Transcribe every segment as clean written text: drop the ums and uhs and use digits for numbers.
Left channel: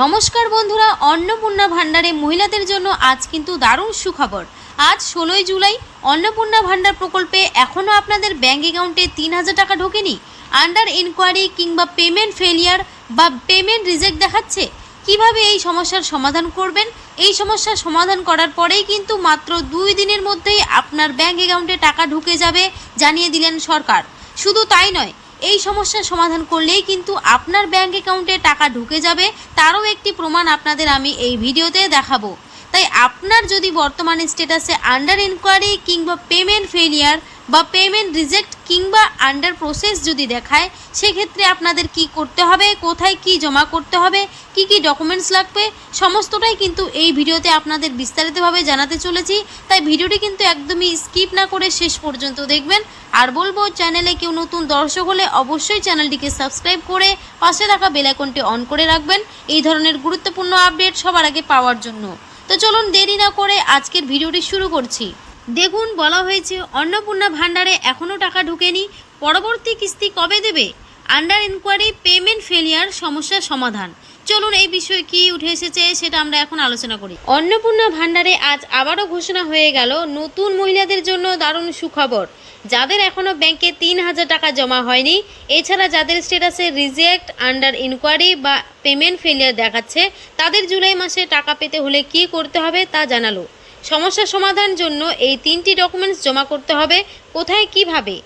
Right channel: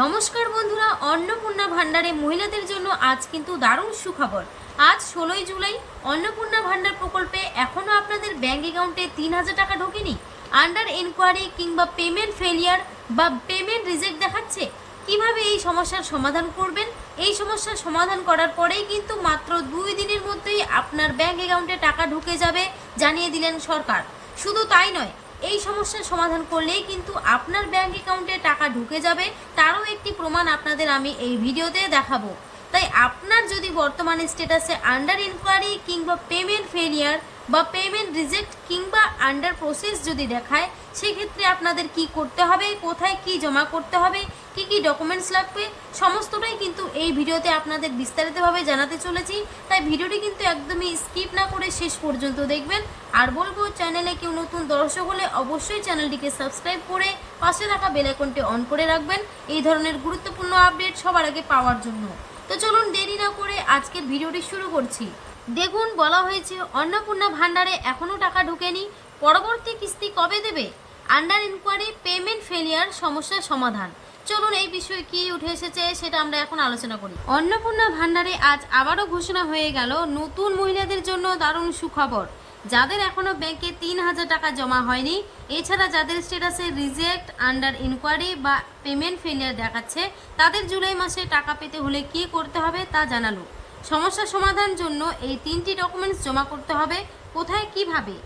নমস্কার বন্ধুরা, অন্নপূর্ণা ভান্ডারে মহিলাদের জন্য আজ কিন্তু দারুণ সুখবর। আজ 16ই জুলাই অন্নপূর্ণা ভান্ডার প্রকল্পে এখনও আপনাদের ব্যাঙ্ক অ্যাকাউন্টে 3000 টাকা ঢোকেনি। আন্ডার ইনকোয়ারি কিংবা পেমেন্ট ফেলিয়ার বা পেমেন্ট রিজেক্ট দেখাচ্ছে। কিভাবে এই সমস্যার সমাধান করবেন? এই সমস্যার সমাধান করার পরেই কিন্তু মাত্র 2 দিনের মধ্যেই আপনার ব্যাঙ্ক অ্যাকাউন্টে টাকা ঢুকে যাবে জানিয়ে দিলেন সরকার। শুধু তাই নয়, এই সমস্যার সমাধান করলেই কিন্তু আপনার ব্যাঙ্ক অ্যাকাউন্টে টাকা ঢুকে যাবে, তারও একটি প্রমাণ আপনাদের আমি এই ভিডিওতে দেখাবো। তাই আপনার যদি বর্তমানে স্ট্যাটাসে আন্ডার ইনকোয়ারি কিংবা পেমেন্ট ফেলিয়ার বা পেমেন্ট রিজেক্ট কিংবা আন্ডার প্রসেস যদি দেখায়, সেক্ষেত্রে আপনাদের কি করতে হবে, কোথায় কি জমা করতে হবে, কি কি ডকুমেন্টস লাগবে, সমস্তটাই কিন্তু এই ভিডিওতে আপনাদের বিস্তারিতভাবে জানাতে চলেছি। তাই ভিডিওটি কিন্তু একদমই স্কিপ না করে শেষ পর্যন্ত দেখবেন। আর বলবো, চ্যানেলে কেউ নতুন দর্শক হলে অবশ্যই চ্যানেলটিকে সাবস্ক্রাইব করে পাশে থাকা বেল আইকনটি অন করে রাখবেন এই ধরনের গুরুত্বপূর্ণ আপডেট সবার আগে পাওয়ার জন্য। তো চলুন দেরি না করে আজকের ভিডিওটি শুরু করছি। দেখুন, বলা হয়েছে অন্নপূর্ণা ভান্ডারে এখনও টাকা ঢোকেনি, পরবর্তী কিস্তি কবে দেবে? আন্ডার ইনকোয়ারি পেমেন্ট ফেলিয়ার সমস্যার সমাধান। চলুন এই বিষয়ে কি উঠে এসেছে সেটা আমরা এখন আলোচনা করি। অন্নপূর্ণা ভান্ডারে আজ আবারও ঘোষণা হয়ে গেল নতুন মহিলাদের জন্য দারুণ সুখবর। যাদের এখনও ব্যাংকে 3000 টাকা জমা হয়নি, এছাড়া যাদের স্ট্যাটাসে রিজেক্ট, আন্ডার ইনকোয়ারি বা পেমেন্ট ফেলিয়ার দেখাচ্ছে, তাদের জুলাই মাসে টাকা পেতে হলে কি করতে হবে তা জানালো। সমস্যা সমাধানের জন্য এই 3টি ডকুমেন্টস জমা করতে হবে। কোথায়, কিভাবে?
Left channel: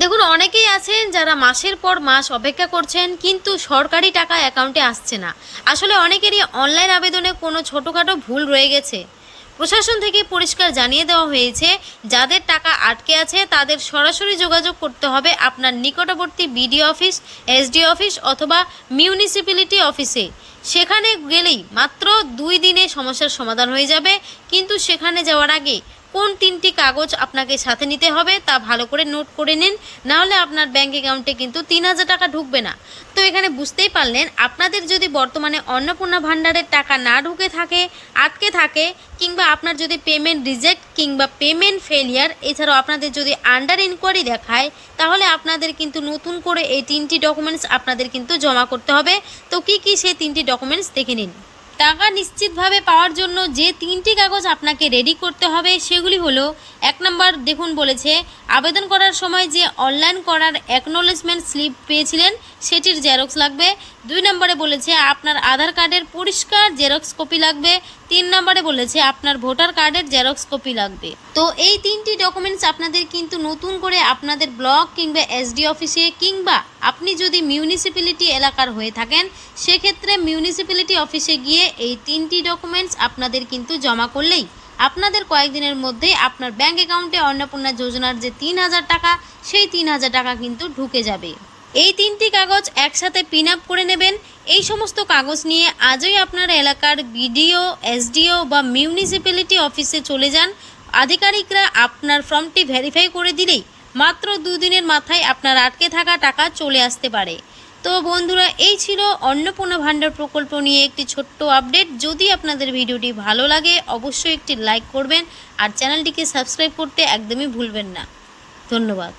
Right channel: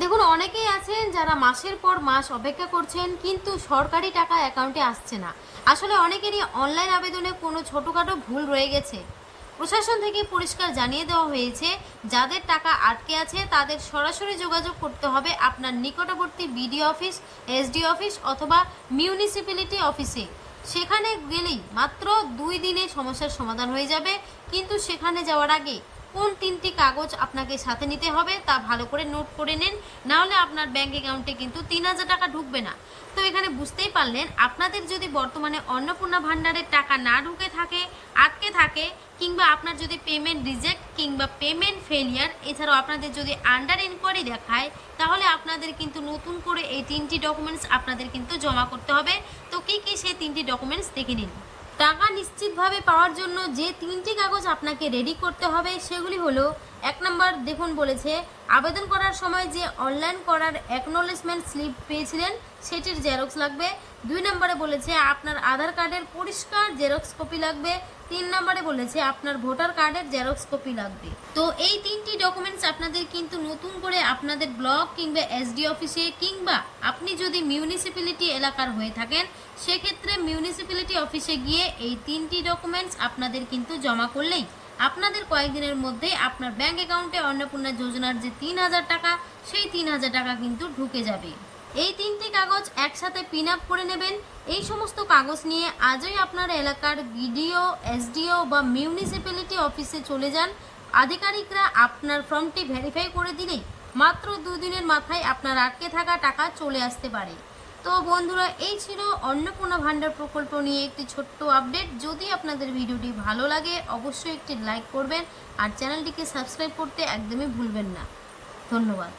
দেখুন, অনেকেই আছেন যারা মাসের পর মাস অপেক্ষা করছেন, কিন্তু সরকারি টাকা অ্যাকাউন্টে আসছে না। আসলে অনেকেরই অনলাইন আবেদনে কোনো ছোটোখাটো ভুল রয়ে গেছে। প্রশাসন থেকে পরিষ্কার জানিয়ে দেওয়া হয়েছে, যাদের টাকা আটকে আছে তাদের সরাসরি যোগাযোগ করতে হবে আপনার নিকটবর্তী বিডিও অফিস, এসডি অফিস অথবা মিউনিসিপ্যালিটি অফিসে। সেখানে গেলেই মাত্র 2 দিনে সমস্যার সমাধান হয়ে যাবে। কিন্তু সেখানে যাওয়ার আগে কোন 3টি কাগজ আপনাকে সাথে নিতে হবে তা ভালো করে নোট করে নিন, নাহলে আপনার ব্যাঙ্ক অ্যাকাউন্টে কিন্তু 3000 টাকা ঢুকবে না। তো এখানে বুঝতেই পারলেন, আপনাদের যদি বর্তমানে অন্নপূর্ণা ভান্ডারের টাকা না ঢুকে থাকে, আটকে থাকে, কিংবা আপনার যদি পেমেন্ট রিজেক্ট কিংবা পেমেন্ট ফেলিয়ার, এছাড়াও আপনাদের যদি আন্ডার ইনকোয়ারি দেখায়, তাহলে আপনাদের কিন্তু নতুন করে এই 3টি ডকুমেন্টস আপনাদের কিন্তু জমা করতে হবে। তো কি কি সেই 3টি ডকুমেন্টস দেখে নিন। টাকা নিশ্চিতভাবে পাওয়ার জন্য যে 3টি কাগজ আপনাকে রেডি করতে হবে সেগুলি হলো, 1 নম্বর, দেখুন বলেছে আবেদন করার সময় যে অনলাইন করার অ্যাকনোলেজমেন্ট স্লিপ পেয়েছিলেন সেটির জেরক্স লাগবে। 2 নম্বরে বলেছে আপনার আধার কার্ডের পরিষ্কার জেরক্স কপি লাগবে। 3 নম্বরে বলেছে আপনার ভোটার কার্ডের জেরক্স কপি লাগবে। তো এই 3টি ডকুমেন্টস আপনাদের কিন্তু নতুন করে আপনাদের ব্লক কিংবা এসডি অফিসে, কিংবা আপনি যদি মিউনিসিপ্যালিটি এলাকার হয়ে থাকেন সেক্ষেত্রে মিউনিসিপ্যালিটি অফিসে গিয়ে এই 3টি ডকুমেন্টস আপনাদের কিন্তু জমা করলেই আপনাদের কয়েকদিনের মধ্যেই আপনার ব্যাঙ্ক অ্যাকাউন্টে অন্নপূর্ণা যোজনার যে 3000 টাকা, সেই 3000 টাকা কিন্তু ঢুকে যাবে। এই 3টি কাগজ একসাথে পিন আপ করে নেবেন। এই সমস্ত কাগজ নিয়ে আজই আপনার এলাকার বিডিও, এসডিও বা মিউনিসিপ্যালিটি অফিসে চলে যান। আধিকারিকরা আপনার ফর্মটি ভেরিফাই করে দিলেই মাত্র 2 দিনের মাথায় আপনার আটকে থাকা টাকা চলে আসতে পারে। তো বন্ধুরা, এই ছিল অন্নপূর্ণা ভান্ডার প্রকল্প নিয়ে একটি ছোট্ট আপডেট। যদি আপনাদের ভিডিওটি ভালো লাগে অবশ্যই একটি লাইক করবেন আর চ্যানেলটিকে সাবস্ক্রাইব করতে একদমই ভুলবেন না। ধন্যবাদ।